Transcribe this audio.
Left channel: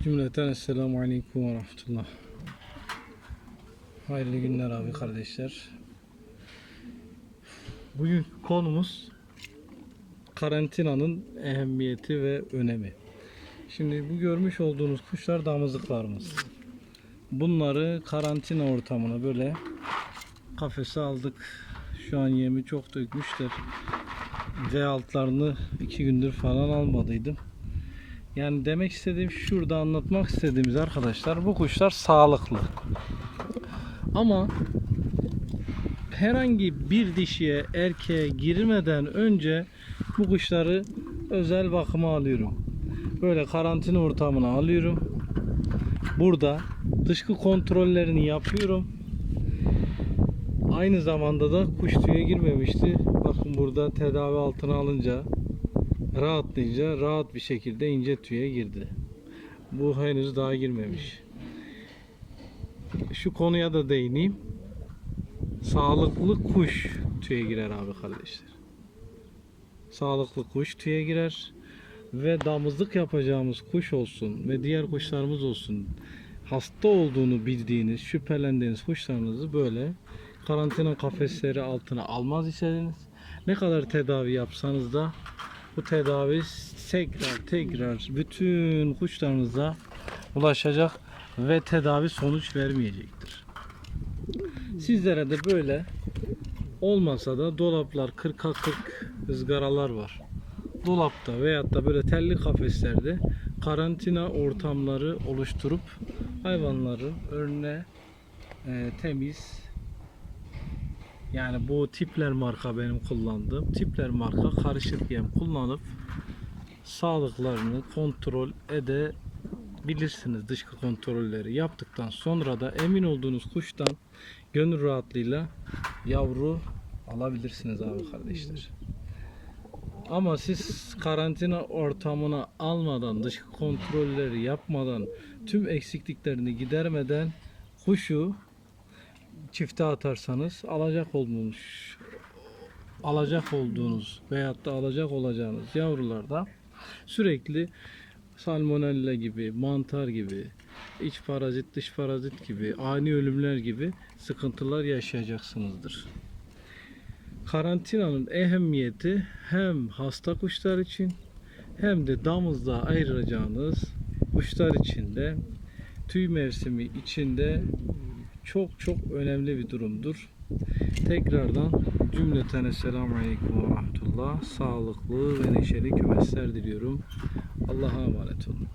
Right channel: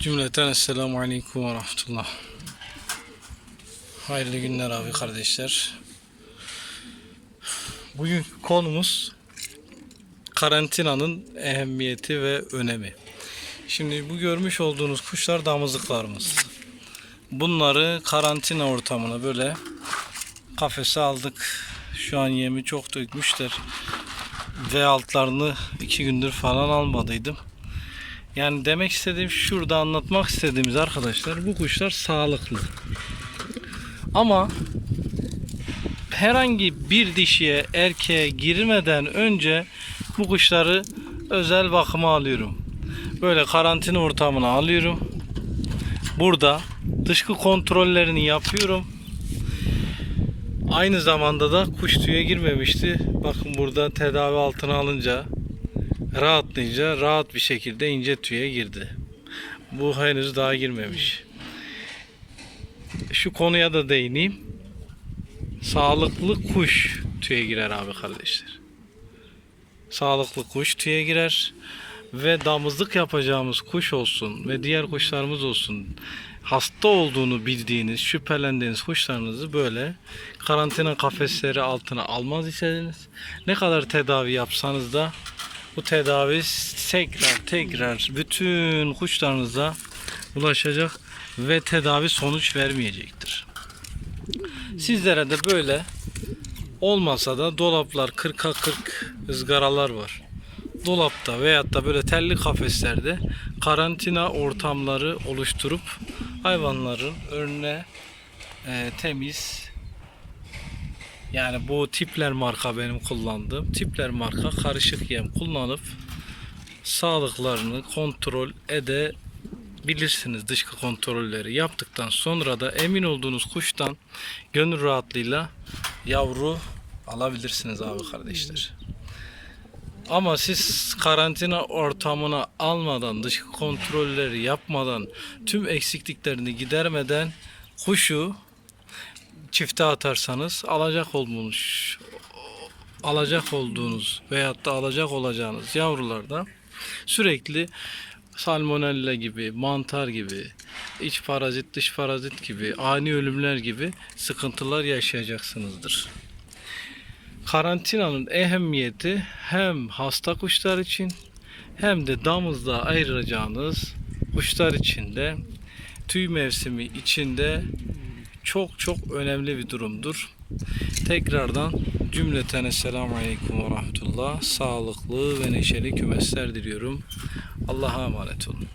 Cümleten Esselamu Aleyküm ve Rahmetullah. Hayırlı günler abi kardeşler. Bugün konumuz karantinanın ehemmiyeti ve önemi. Şimdi bu görmüş olduğunuz kuşlar damızlıklarımız. Bunları karantina ortamına böyle kafese aldık. Şu an yemi çok dökmüşler. Ve altlarını iki gündür falan almadıydım. Yani demek istediğim şurada anlatmak istediğimiz arkadaşlar bu kuşlar sağlıklı. Ama herhangi bir dişiye erkeğe girmeden önce bu kuşları özel bakıma alıyorum. Böyle karantina ortamına alıyorum. Burada dışkı kontrollerini yapıyorum. Aynı zamanda da kuş tüye girmemişti. Bakın burada tedavi altına alınca rahatlayınca rahat bir şekilde ince tüye girdi. Bu henüz daha girmemiş. Şu konuya da değineyim. Sağlıklı kuş tüye girer abi kardeşler. Sağlıklı kuş tüye girer ve damızlık yapacağımız kuş olsun ve diğer kuşlarımız olsun hasta olduğunu bildiğiniz, şüphelendiğiniz kuşlarınızı böyle karantina kafesleri altına almaz iseniz ne kadar tedavi yapsanız da bu tedavi tekrar tekrar bütün kuşlarınıza ulaşacak ve tedavi sonuç vermeyecektir. Sizlere de böyle olmasa da dolaplar 40'a 40 ızgaralar var. Dolapta veyahut da böyle telli kafeslerde karantina ortamları oluşturup hayvanların önüne e, temiz yani bu tipler marka benim kullandığım tipler marka karışık yem kullanıp sağlıklarını kontrol edebilirsiniz dışkı kontrolleri yaptıktan sonra da emin olduğunuz kuştan gönül rahatlığıyla yavru alabilirsiniz abi kardeşler. Ama siz karantina ortamına almadan, dışkı kontrolleri yapmadan, tüm eksikliklerini gidermeden kuşu çifte atarsanız alacak olmuş alacak olduğunuz veyahut da alacak olacağınız yavrularda sürekli salmonella gibi, mantar gibi, iç parazit, dış parazit gibi, ani ölümler gibi sıkıntılar yaşayacaksınızdır. Karantinanın ehemmiyeti hem hasta kuşlar için hem de damızda ayıracağınız kuşlar için de tüy mevsimi içinde çok çok önemli bir durumdur. Tekrardan cümleten Esselamu Aleyküm ve Rahmetullah. Sağlıklı ve neşeli kümesler diliyorum. Allah'a emanet olun.